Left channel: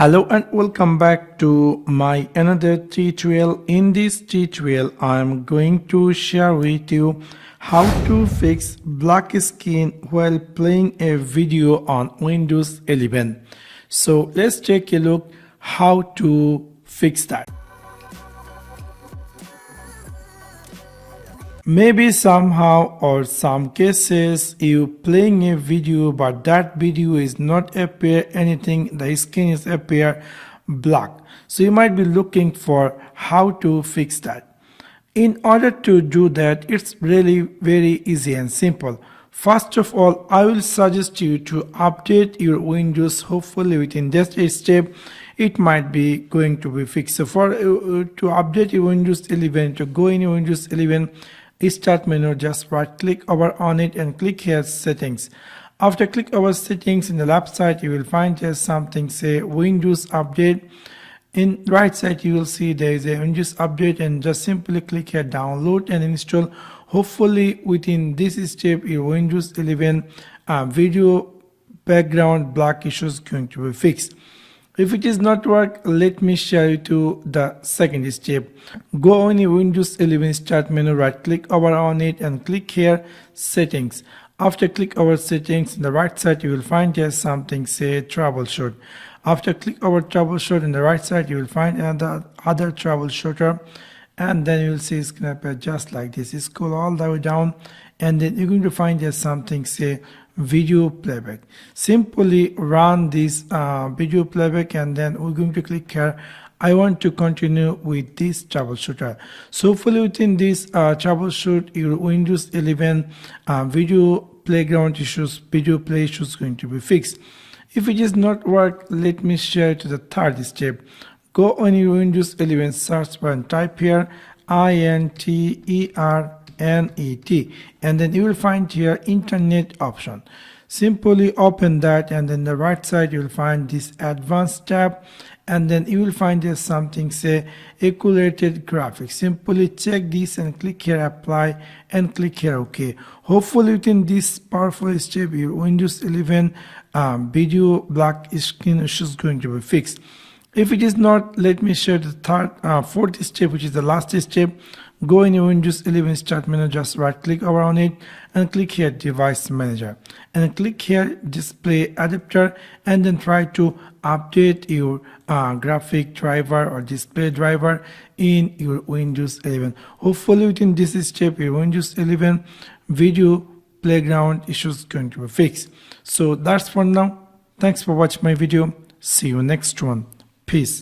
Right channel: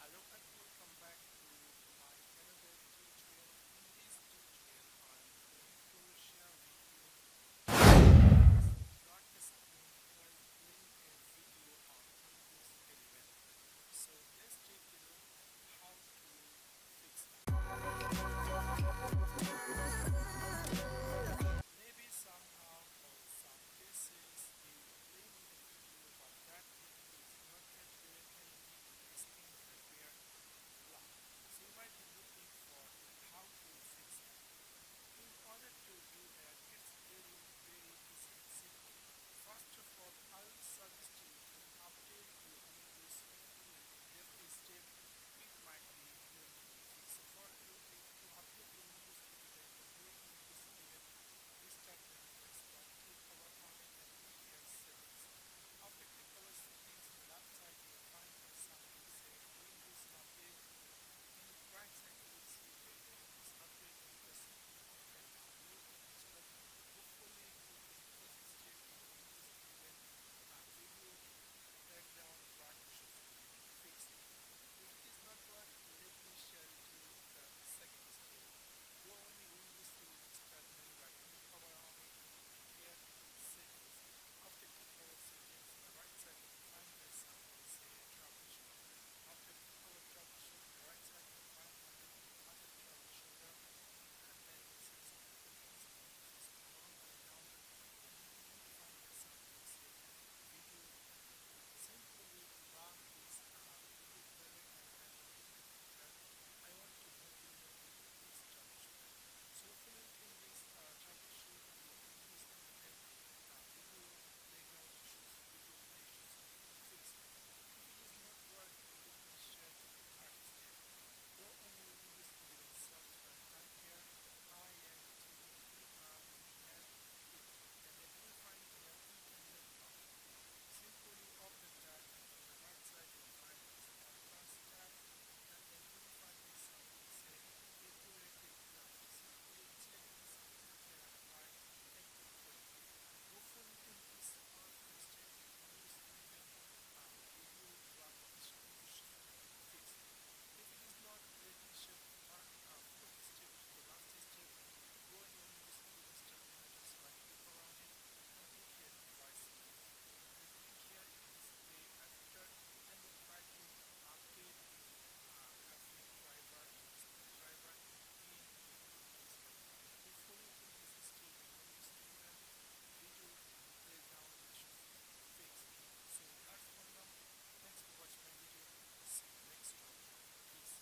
Hello and welcome back to my another tutorial. In this tutorial I am going to share with you how to fix black screen while playing a video on Windows 11. So let's take a look how to fix that. Maybe somehow or some cases you playing a video but that video is not appear anything, the screen is appear black. So you might be looking for how to fix that. In order to do that, it's really very easy and simple. First of all, I will suggest you to update your Windows. Hopefully within just a step it might be going to be fixed. So for to update your Windows 11, to go in your Windows 11 start menu, just right click over on it and click here settings. After click over settings, in the left side you will find here something say Windows update. In right side you will see there is a Windows update, and just simply click here download and install. Hopefully within this step your Windows 11 video background black issue is going to be fixed. If it is not work, let me share you to the second step. Go on your Windows 11 start menu, right click over on it and click here settings. After click over settings, in the right side you will find here something say troubleshoot. After click over troubleshoot, in the right side you will find another other troubleshooter, and then you will see it's gonna appear just like this. Scroll all the way down and then you're going to find here something say video playback. Simply run this video playback and then we're going to click here I want to continue with this troubleshooter. So hopefully within this troubleshoot your Windows 11 video playground issues, video play issues going to be fixed. If it is not work, let me share to the third step. Go on your Windows 11 search bar and type here INTERNET, and then you will find here internet option. Simply open that, and then the right side you will find this advanced tab, and then you will find there something say accurate graphics. Simply check this and click here apply and click here OK. Hopefully within this powerful step your Windows 11 video black screen is going to be fixed. If it is not, let me share the fourth step, which is the last step. Go in your Windows 11 start menu, just right click over on it and click here device manager and click here display adapter, and then try to update your graphic driver or display driver in your Windows 11. Hopefully within this step your Windows 11 video playground issues going to be fixed. So that's for now. Thanks for watching my video. See you next one. Peace.